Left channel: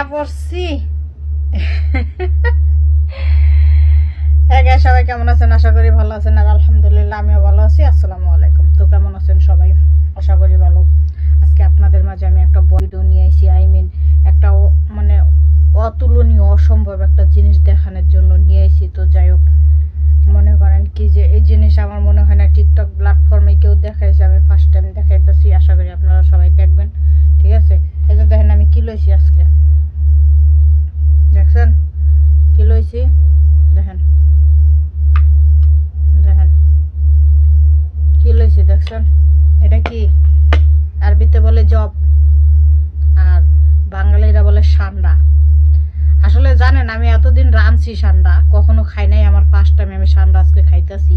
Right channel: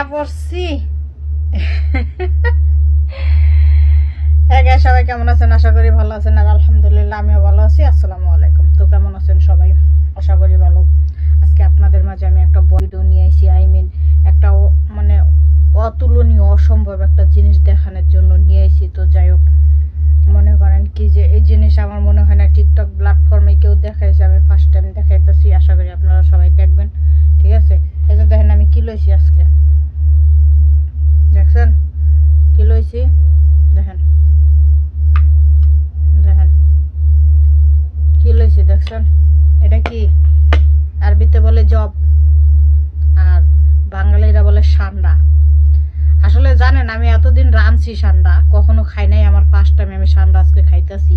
আয়া পড়ছি। হ্যাঁ সবাই কেমন আছেন? আশা করি ভালো আছেন আর আলহামদুলিল্লাহ আমিও ভালো আছি। আসসালামু আলাইকুম। তো কেমন আছেন সবাই? আশা করি ভালো। আজকে আপনাদের মাঝে আমি একটা ভিডিও নিয়ে আইছি। আই মিন একটা মানে অতুলনীয়, অসম্ভব একটা জিনিস দেখানোর জন্য নিয়ে আইছি। তো যাই হোক, মনে করেন কি যে এই জিনিস আমার মনে হয় না টিকটক প্ল্যাটফর্মে কেউ দেখাইছে। আমি ফার্স্ট টাইম দেখাইতেছি। আশা করি আপনারা সবাই দেখবেন। ঠিক আছে? এই যে দেখেন আমি কি লইছি আজকে? লইছি দেখেন। দেখেন। কি লইছি দেখছেন? এটা কি? আরবিতে বলে জব। আর বাঙালিরা বলে সান্ডা। আসলে জানেন, আমি এতদিন রাঁধছি সান্ডা। কখনো খাই নাই। আমার ফার্স্ট টাইম আমি সান্ডা আজকে খাইতেছি।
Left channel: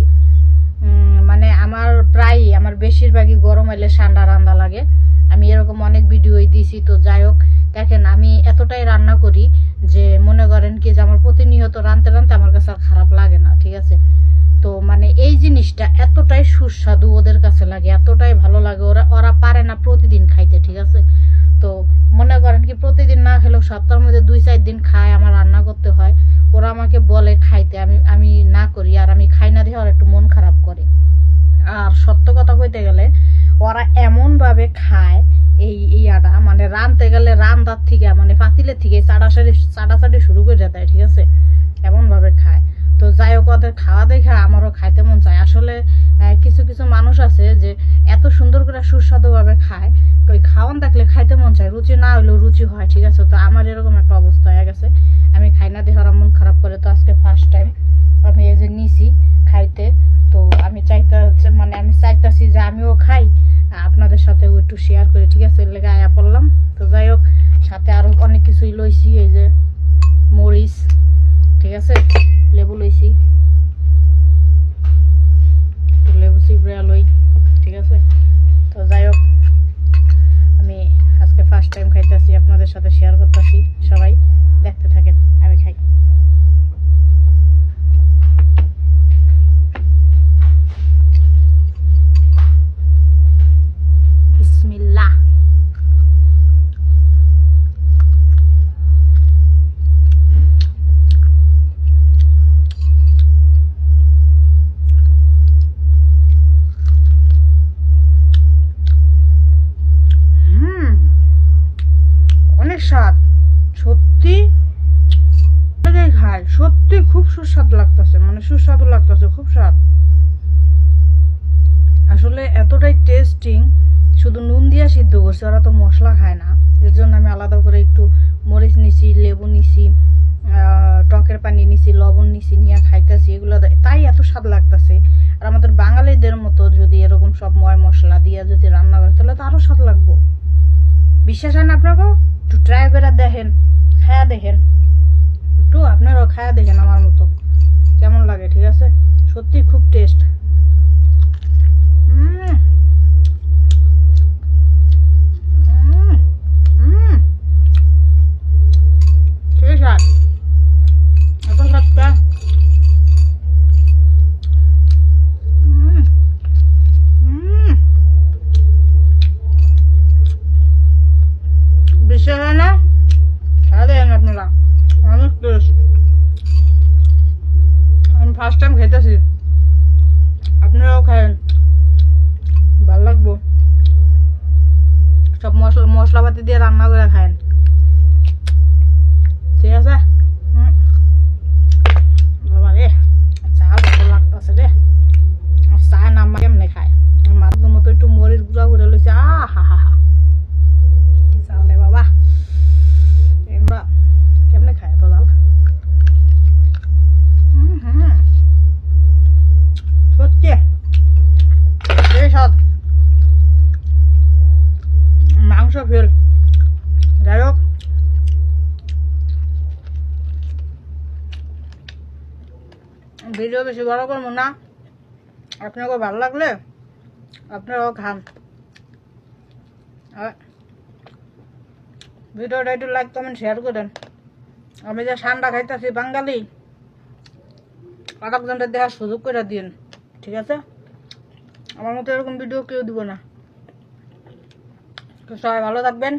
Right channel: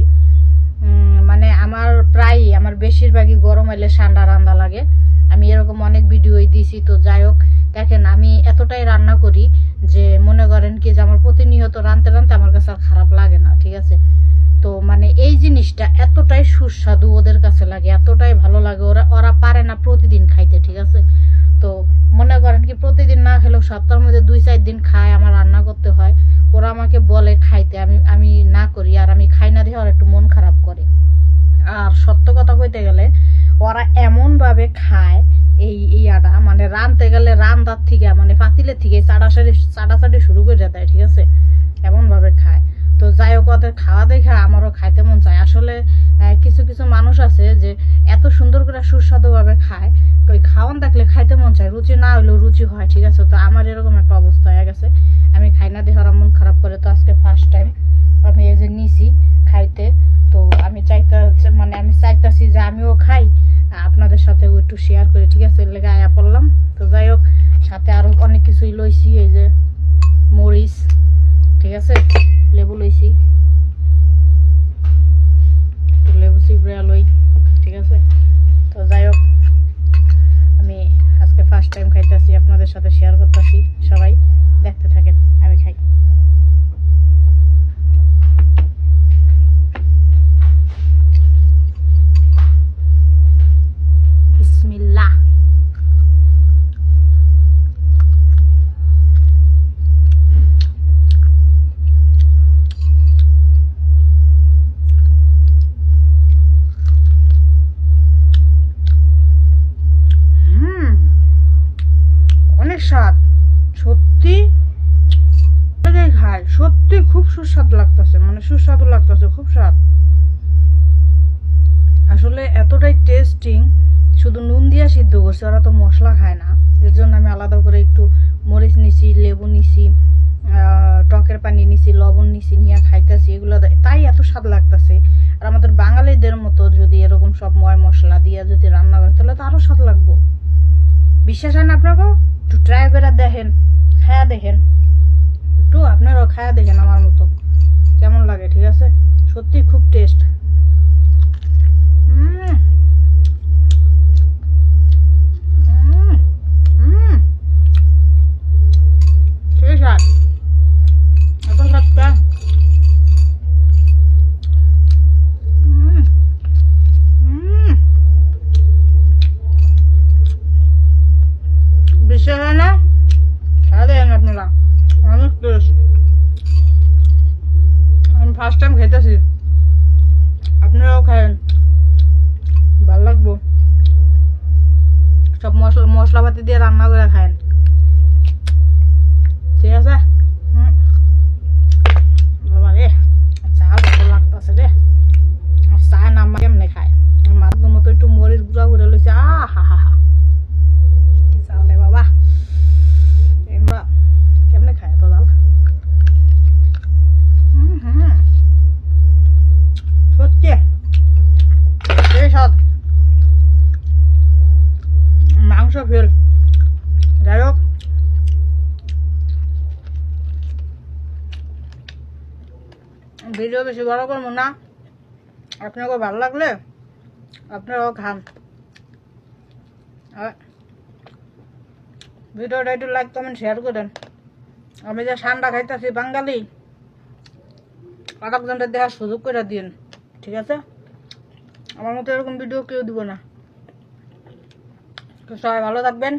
মানে আমার প্রায় আমার বেশিরভাগই গরম এলে সান্ডা রান্না লাগে। আমি এরকম অনেক ভিডিওই দিছি, তো যাই হোক, দেখেন, আমি এতটাই রান্না করি যে মনে করেন কি যে আমার প্রতিনিয়ত রাঁধতে রাঁধতে আমার কাছে আর খারাপ লাগে না, ঠিক আছে? তো মানে এই জিনিসটা এতটাই সুস্বাদু ওদের কাছে লাগে, এতটাই ভালো লাগে, ওরা ওরা পারে না প্রতিদিন খাইতে, ঠিক আছে? তো মনে করেন কি প্রতিদিন না খেলেও সপ্তাহের মধ্যে দুই, চার দিন খায়, আমার রান্না করতে হয়। ওরা আমাকে বলে খাইতে, আমি আমি না করি, আর আমি খাই না দিয়ে ওরা একটু মন খারাপ করে। আর সত্য কথা কইতে গেলে, ওরা এমনভাবে খায় এই ইয়াটা মানে রানতে গেলে রান্দার থেকে মানে পাতিলের থেকে, চাড়াচাড়ি চাড়াচাড়ি শুরু করে দেয়, ঠিক আছে? এমনভাবে খায়। যাই খাওয়া দেখে আমারও খাইতে মন চায়। আসলে কিছু কিছু মানুষ আছে যে এত সুন্দর করে সুস্বাদুভাবে খায়, ওই খাওয়ান দেখলে খাইতে মন চায়। রুচি না হলেও রুচি হয়, ঠিক আছে? তো আমার এরকম একটা অবস্থা হয়ে গেছে। আমি খাই না দেখে মন খারাপ করে তো আজকে ফার্স্ট টাইম আমি এই যে নিছি খাইতে। তো আমি চাইতে মানে আমি চাইতাছি যে আমিও খাই, আপনাদের সাথে একটু শেয়ার করি, ঠিক আছে? লেগে আয়া পড়লাম। তো যাই হোক, সাথে আরও অনেক কিছুই লইছি, এই যে মরিচ, ঠিক আছে? লেবু লইছি। চিবড়া লই ঠিক আছে? তো যাই হোক, আমি আজকে ফার্স্ট টাইম খাইতেছি, আপনাদের সাথে শেয়ার করতেছি, সবাই দেখতে থাকেন, আমি খাই। অনেক স্বাদ। সত্যি? খায় সত্যি খুব সুস্বাদু লাগতেছে মানে সুস্বাদু লাগতেছে, খুব স্বাদ। আসলে এতটাই টেস্টিং শুধু নুন দিয়া সিদ্ধ করছে, ওরা তো মশলা খায় না। এর জন্য আমি আলাদা করে একটু মরিচ নিছি, লেবু নিছি টকের পানি নিছি, লবণ নিছি, নিয়ে খাইতেছি, এগুলো তাই এত স্বাদ লাগতেছে। আর আমাদের বাঙালিদের মতো যদি এরকম সব ময় মশলা দিয়ে যদি রান্না করে, তাহলে তো আরও স্বাদ লাগবো। বিশ্বাস হয় না আপনাকেও? একটু ট্রাই করে দেখেন, খায়া দেখেন। একটু আপনারাও খায়া দেখেন আমার মতো। কেমন লাগে, ঠিক আছে? সত্যি খুব টেস্ট খেয়ে আমি ফার্স্ট টাইম খেতেছি আপনারাও খায়েন ভালো লাগবো। সব মশলা মশলাপাতি দিয়ে রান্না করে খায়েন। ভিডিও বেশি বড় করব না। আপনাকে ভালো লাগলে আপনারাও খান। ভিডিওটা একটু লাইক কমেন্ট শেয়ার করেন। আমি যে ঠান্ডা খাইতেছি বাঙালি আরেকজনটা দেখার সুযোগ করে দিন ঠিক আছে? আমার মতো এরকম ভিডিও কেউ দিব না। সবাই ভালো থাকবেন।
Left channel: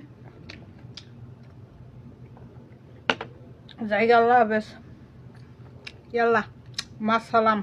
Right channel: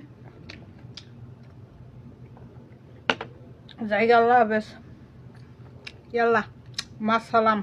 জায়গা আল্লাহ হাফেজ। ইয়াল্লা মাসালাম